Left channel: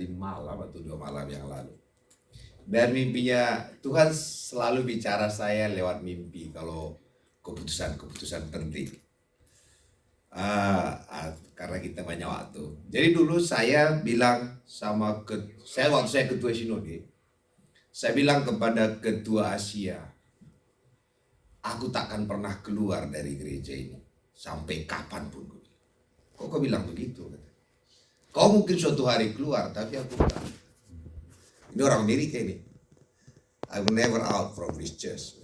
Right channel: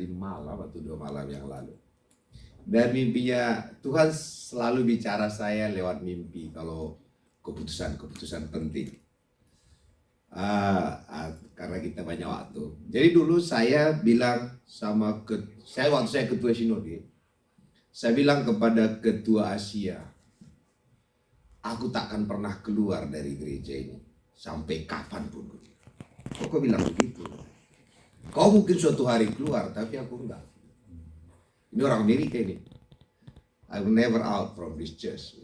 tadi malam atau 2 malam yang lalu. Dan mimpinya Tuhan selalu bicara saya lewat mimpi kalau keputusan-keputusan penting. Karena kita banyak waktu. Jadi dulu saya bilang waktu saya ketua sinode, saya bilang kepada ketua Asia, aku takkan pernah keluar dari gereja ini sampai kapanpun. Kok bilang begitu? Kau mungkin suatu hari keluar, tapi aku enggak. Ini orang Amerika ini. I will never out from this church.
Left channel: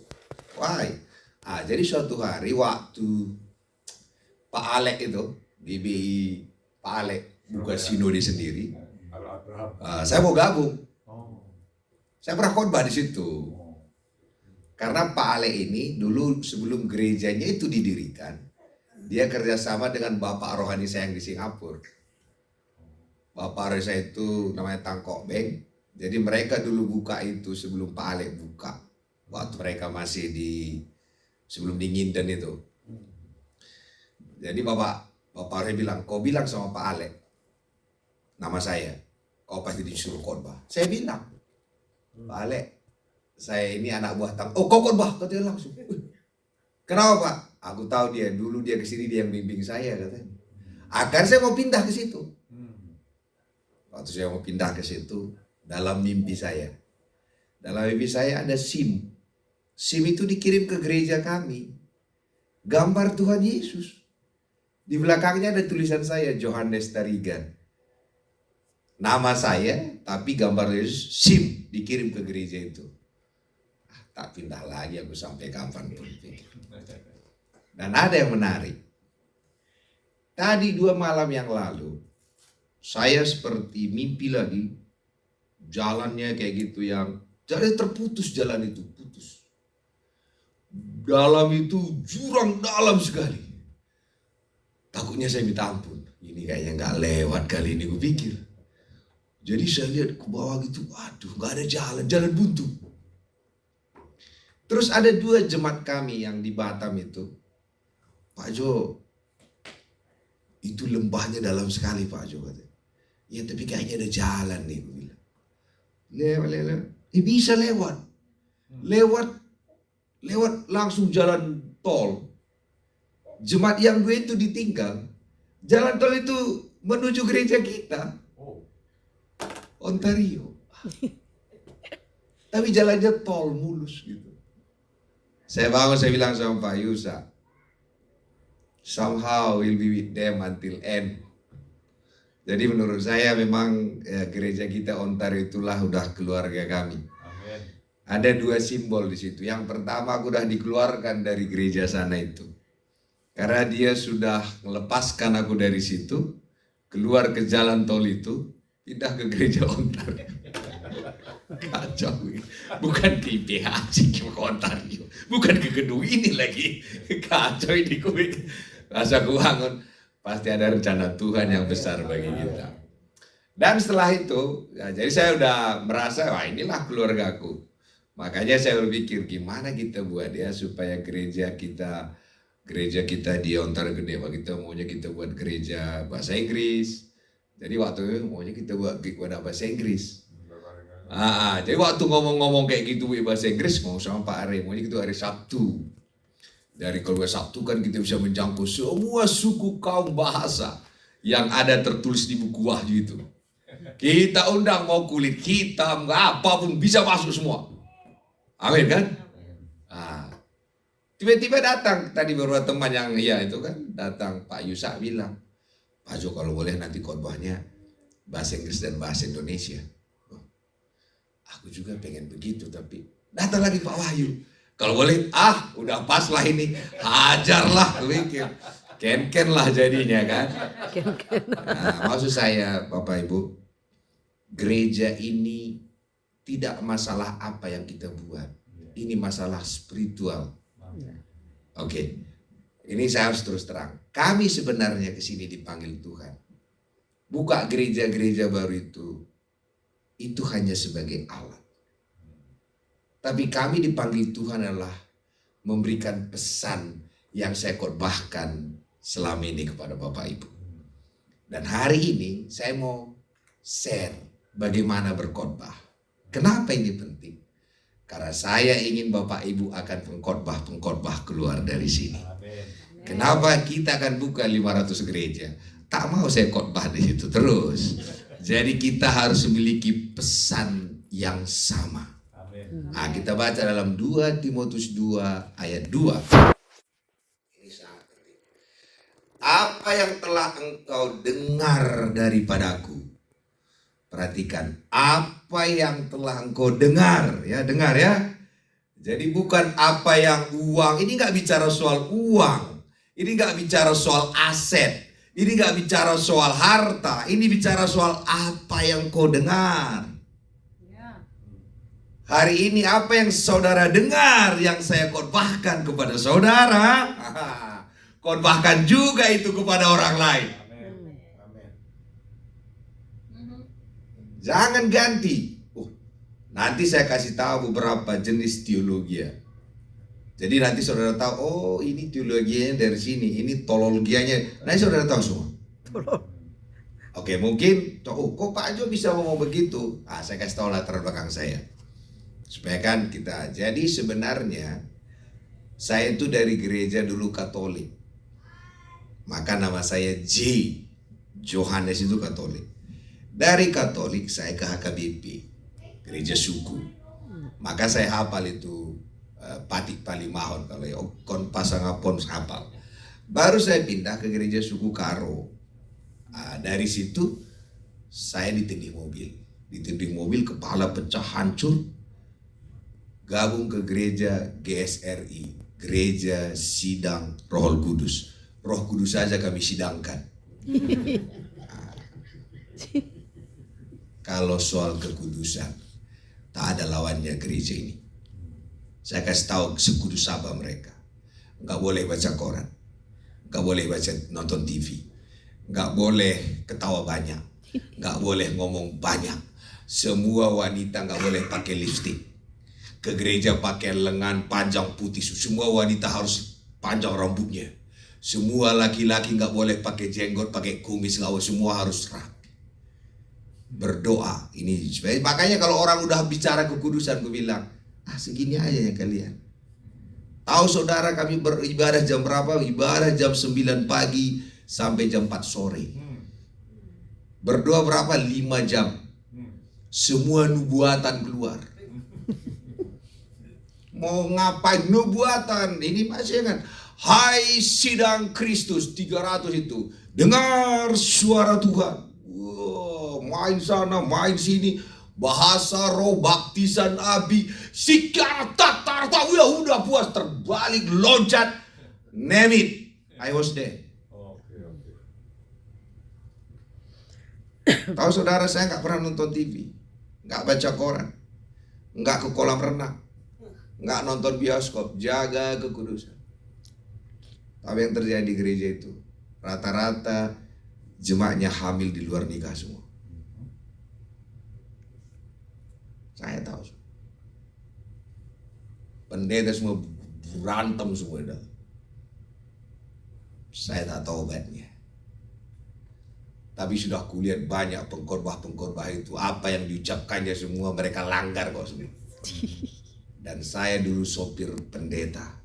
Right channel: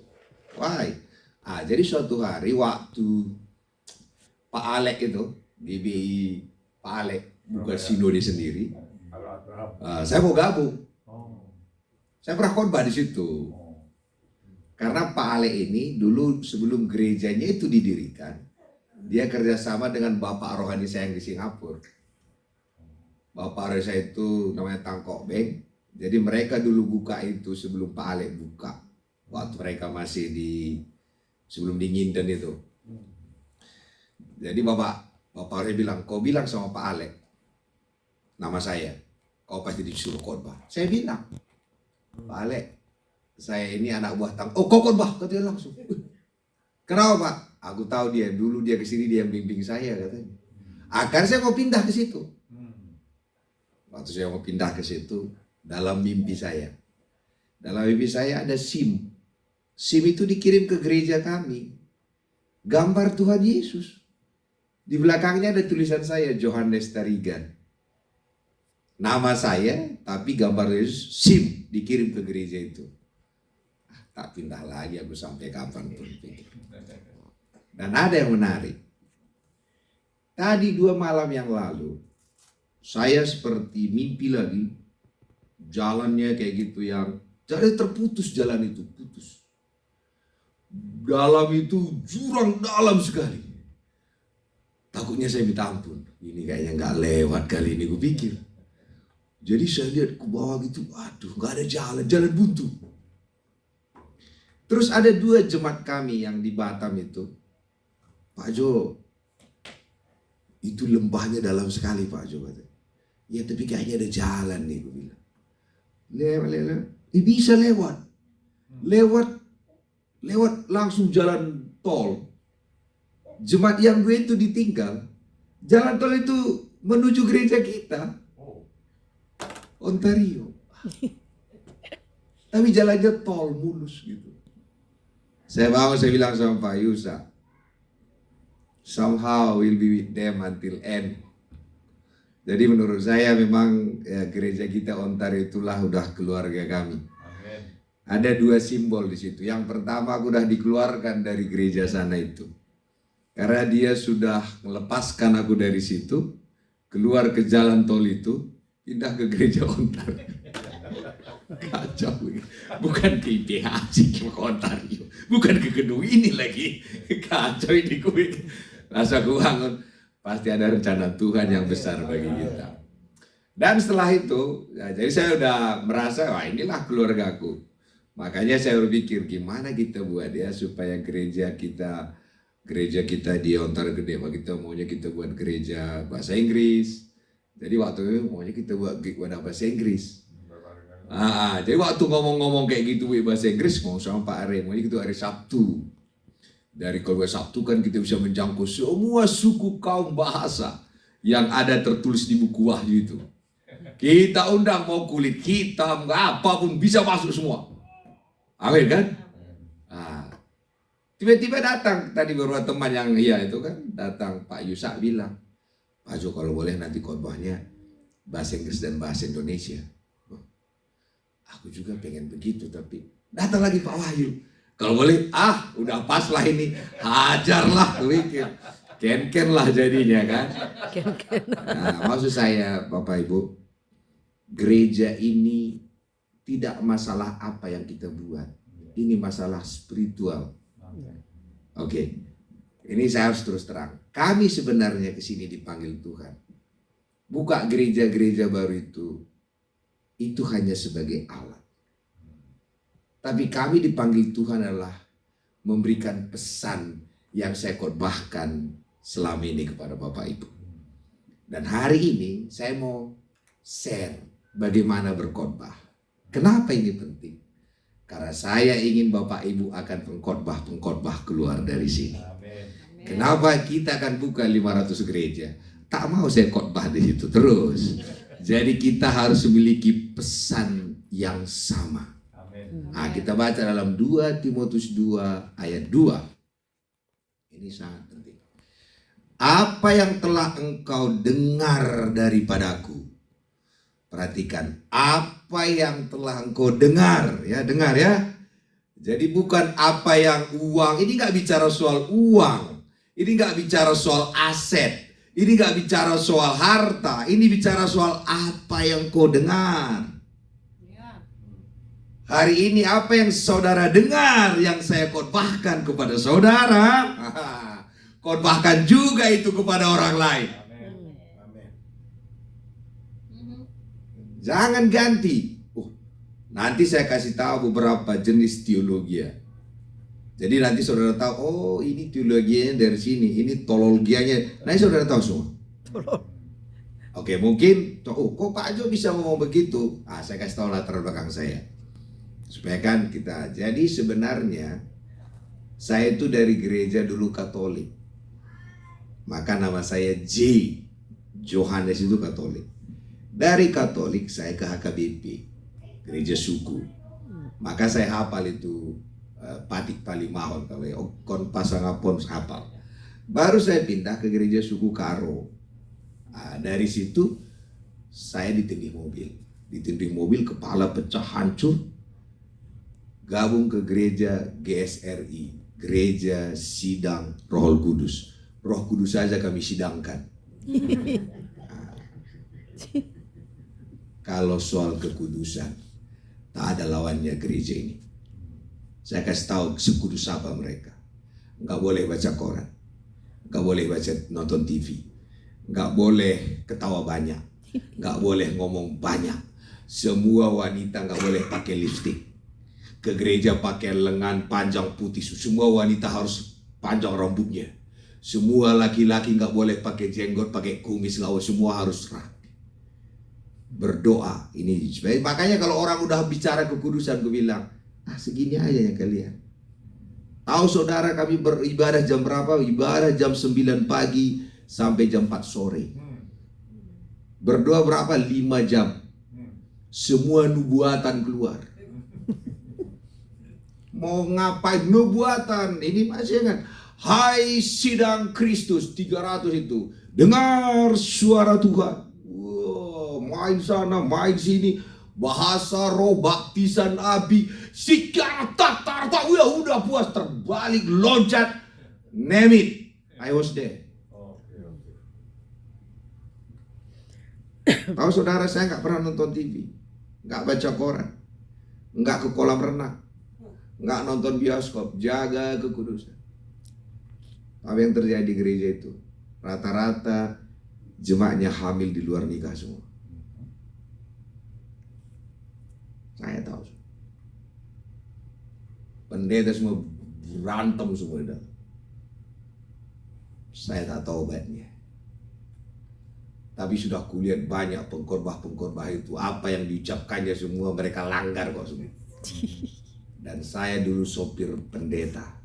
Why? Jadi suatu hari waktu Pak Alek itu, BBI Pak Alek buka sinode sendiri, saya mau gabung. Saya pernah khotbah di situ. Karena Pak Alek ini dulu sebelum gerejanya itu didirikan, dia kerjasama dengan Bapak rohani saya yang di Singapura. Bapak rohani saya itu namanya Tangkok Beng. Jadi mereka dulu buka itu sebelum Pak Alek buka. Waktu mereka masih sebelum di Nginten itu. Jadi Bapak rohani bilang, kau bilang sama Pak Alek, nama saya, kau pasti disuruh khotbah. Saya bilang, Pak Alek, saya ini anak buah kau khotbah, katanya langsung. Kenapa Pak? Aku tahu dulu dia kesini, dia yang bimbing saya katanya. Akhirnya saya mau pindah ke situ. Waktu saya mau pindah ke situ, dalam mimpi saya ada SIM. SIM itu dikirim ke gereja kami. Gambar Tuhan Yesus. Di belakangnya ada tulisan saya, Johannes Tarigan. Nama saya, tapi gambar Yesus, SIM dikirim ke gereja itu. Tak pindah lagi aku sampai kapanpun. Dan ada yang menarik. Tadi 2 malam yang lalu, saya seperti mimpi lagi. Jalannya kayak gitu jadi terputus jalan itu, putus. Dalam itu jurang dalam sekali. Takutnya saya minta ampun. Ini kayaknya nggak lewat kali ini, gue pikir. Jadi saya lihat ke bawah gitu, waduh nggak ada jalan buntu. Terus ada 2 jemaat kami yang di Batam itu. Pak Jo, itu lembahnya dalam sekali Pak Jo. Ya tapi kayaknya ada jalan nih, gue bilang. Lewat. Bisa lewat langsung jalan tol. Jemaat yang 2 itu ditinggal. Jalan tol itu menuju gereja kita, Ontario. Tapi jalannya tol mulus gitu. Saya bilang sama Pak Yusa, somehow we'll be with them until end. Jadi menurut saya memang gereja kita Ontario itulah udah keluarga kami. Amen. Ada 2 simbol di situ. Yang pertama aku udah dikeluarkan dari gereja sana itu. Karena dia sudah melepaskan aku dari situ, keluar ke jalan tol itu, pindah ke gereja Ontario. Kacau. Bukan ke IPH, ke Ontario. Bukan ke gedung ini lagi. Kacau ini gue. Rasa gue bangun. Pasti ada rencana Tuhan yang besar bagi kita. Dan setelah itu, jadi saya udah merasa, wah inilah keluargaku. Makanya saya berpikir gimana kita buat ya supaya gereja kita di Ontario Gede, kita maunya kita buat gereja bahasa Inggris. Jadi waktu itu maunya kita buat bahasa Inggris. Jadi waktu ngomong-ngomong kayak gitu bahasa Inggris, ngomong sama Pak Are, maunya kita hari Sabtu. Dari kalau Sabtu kan kita bisa menjangkau semua suku kaum bahasa yang ada tertulis di buku Wahyu itu. Kita undang mau kulit hitam, apapun bisa masuk semua. Amin kan? Tiba-tiba datang tadi beberapa teman yang itu kan datang, Pak Yusak bilang, Pak Jo kalau boleh nanti khotbahnya bahasa Inggris dan bahasa Indonesia. Aku juga pengen begitu, tapi datang lagi Pak Wahyu. Kalau boleh, udah pas lah ini, hajarlah, ken lah jadinya kan. Maksud saya Bapak Ibu, gereja ini tidak masalah apa yang kita buat, ini masalah spiritual. Oke, ini saya harus terus terang. Kami sebenarnya kesini dipanggil Tuhan. Buka gereja-gereja baru itu hanya sebagai alat. Tapi kami dipanggil Tuhan adalah memberikan pesan yang saya khotbahkan selama ini kepada Bapak Ibu. Dan hari ini saya mau share bagaimana berkhotbah. Kenapa ini penting? Karena saya ingin Bapak Ibu akan pengkhotbah keluar dari sini. Kenapa kita akan buka 500 gereja? Tak mau saya khotbah di situ terus. Jadi kita harus memiliki pesan yang sama. Nah, kita baca dalam 2 Timotius 2 ayat 2. Ini sangat penting. Apa yang telah engkau dengar daripadaku. Perhatikan, apa yang telah engkau dengar ya. Jadi bukan apa yang uang, ini nggak bicara soal uang, ini nggak bicara soal aset, ini nggak bicara soal harta, ini bicara soal apa yang kau dengar. Hari ini apa yang saudara dengar yang saya khotbahkan kepada saudara, khotbahkan juga itu kepada orang lain. Jangan ganti. Nanti saya kasih tahu beberapa jenis teologi. Jadi nanti saudara tahu, oh ini teologianya dari sini, ini teologianya. Nanti saudara tahu semua. Oke, mungkin, kok Pak Jo bisa ngomong begitu? Saya kasih tahu latar belakang saya. Supaya kan kita, jadi sebenarnya saya itu dari gereja dulu Katolik. Maka nama saya Johannes itu Katolik. Dari Katolik saya ke HKBP, gereja suku. Maka saya hafal itu Patik Palimahon, kalau kon Pasangapon hafal. Baru saya pindah ke gereja suku Karo. Dari situ saya ditindih mobil, kepala pecah hancur. Gabung ke gereja GSRI, gereja sidang Roh Kudus. Roh Kudus saja kami sidangkan. Kalau soal kekudusan, tak ada lawannya gereja ini. Saya kasih tahu sekudus apa mereka. Nggak boleh baca koran, nggak boleh nonton TV, nggak boleh ketawa banyak, nggak boleh ngomong banyak. Semua wanita nggak boleh pakai lipstik. Ke gereja pakai lengan panjang putih. Semua wanita harus panjang rambutnya. Semua laki-laki nggak boleh pakai jenggot, pakai kumis, nggak boleh. Semua harus rapi. Berdoa ini, makanya kalau orang udah bicara kekudusan, gue bilang, segini aja ya kalian. Tahu saudara kami beribadah jam berapa? Ibadah jam 9 pagi sampai jam 4 sore. Berdoa berapa? 5 jam. Semua nubuatan keluar. Mau ngapain nubuatan? Ini masih kan. Hai sidang Kristus 300 itu, dengar suara Tuhan. Main sana, main sini, bahasa roh, baptisan abi, sikar, tatar, udah puas, terbalik, loncat, name it, I was there. Tahu saudara, saya nggak pernah nonton TV, nggak baca koran, nggak ke kolam renang, nggak nonton bioskop, jaga kekudusan. Apa yang terjadi di gereja itu? Rata-rata jemaatnya hamil di luar nikah semua. Saya tahu. Pendeta semua berantem semua. Saya tak tahu obatnya. Tapi sudah kulihat banyak pengkhotbah itu, apa yang diucapkannya semua mereka langgar kok semua. Dan saya dulu sopir pendeta.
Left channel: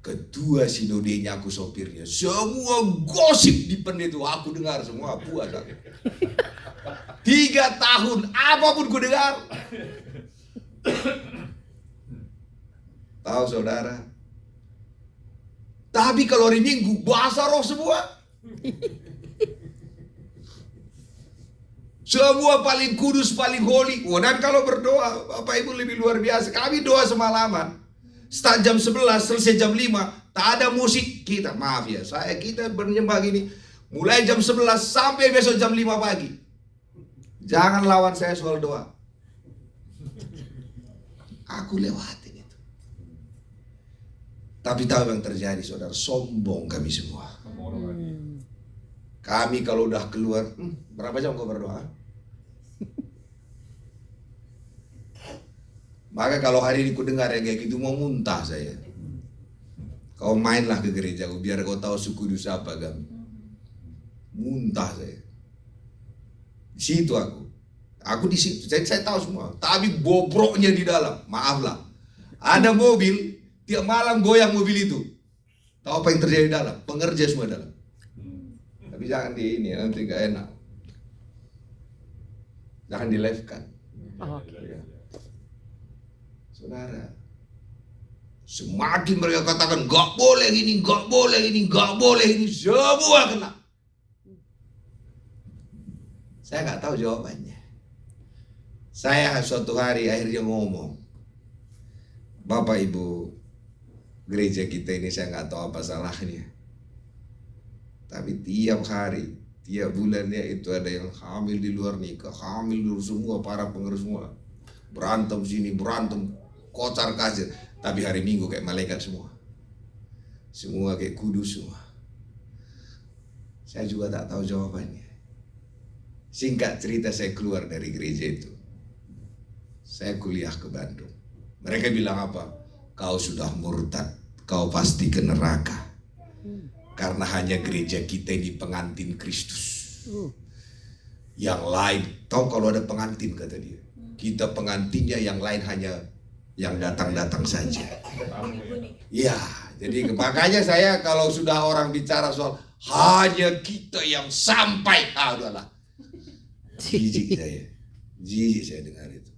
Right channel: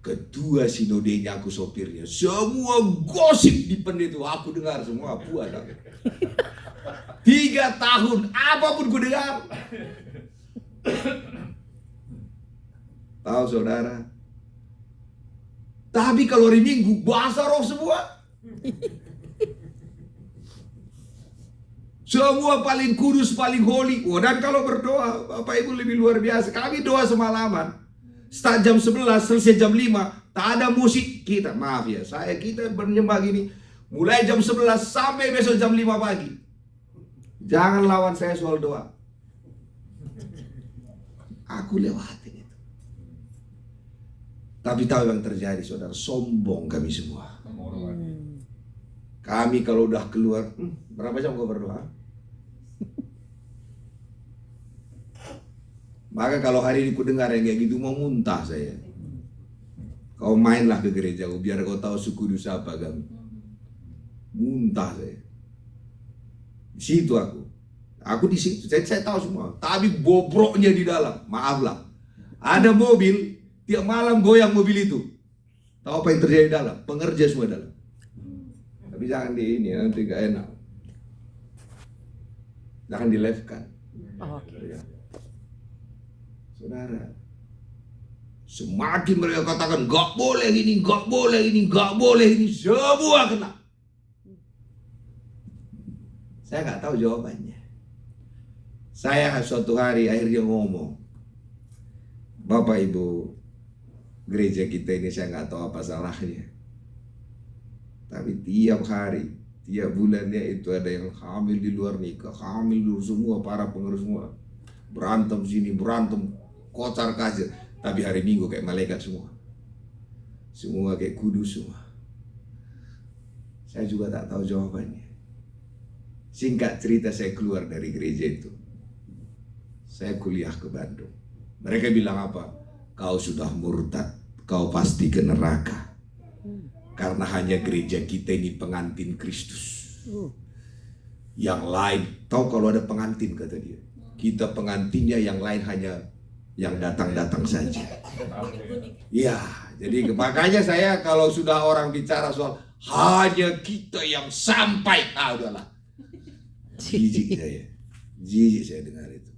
Ketua sinodenya aku sopirnya. Semua gosip di pendeta aku dengar semua puas aku. 3 tahun apapun ku dengar. Tahu saudara? Tapi kalau hari Minggu bahasa roh semua. Semua paling kudus, paling holy. Dan kalau berdoa, Bapak Ibu lebih luar biasa. Kami doa semalaman. Start jam 11, selesai jam 5. Tak ada musik. Kita bernyembah gini. Mulai jam 11 sampai besok jam 5 pagi. Jangan lawan saya soal doa. Aku lewatin itu. Tapi tahu yang terjadi saudara, sombong kami semua. Kami kalau udah keluar, berapa jam kau berdoa? Maka kalau hari ini ku dengar yang kayak gitu, mau muntah saya. Kau mainlah ke gereja, biar kau tahu suku kudus apa kami. Muntah saya. Di situ aku. Aku di situ, saya tahu semua. Tapi bobroknya di dalam, maaflah. Ada mobil, tiap malam goyang mobil itu. Tahu apa yang terjadi di dalam? Pengerja semua dalam. Tapi jangan di ini, nanti gak enak. Jangan di live kan. Oke. Saudara, semakin mereka katakan gak boleh ini, gak boleh ini, gak boleh ini, semua kena. Saya gak tahu jawabannya. Saya suatu hari akhirnya ngomong, Bapak Ibu gereja kita ini saya gak tahu apa salahnya. Tapi tiap hari, tiap bulannya itu ada yang hamil di luar nikah, hamil di luar semua, para pengurus semua. Berantem sini, berantem, kocar kacir. Tapi hari Minggu kayak malaikat semua. Semua kayak kudus semua. Saya juga tak tahu jawabannya. Singkat cerita saya keluar dari gereja itu. Saya kuliah ke Bandung. Mereka bilang apa? Kau sudah murtad, kau pasti ke neraka. Karena hanya gereja kita ini pengantin Kristus. Yang lain, tahu kalau ada pengantin kata dia. Kita pengantinnya, yang lain hanya yang datang-datang saja. Ya, jadi makanya saya kalau sudah orang bicara soal hanya kita yang sampai, udahlah. Jijik saya dengar itu.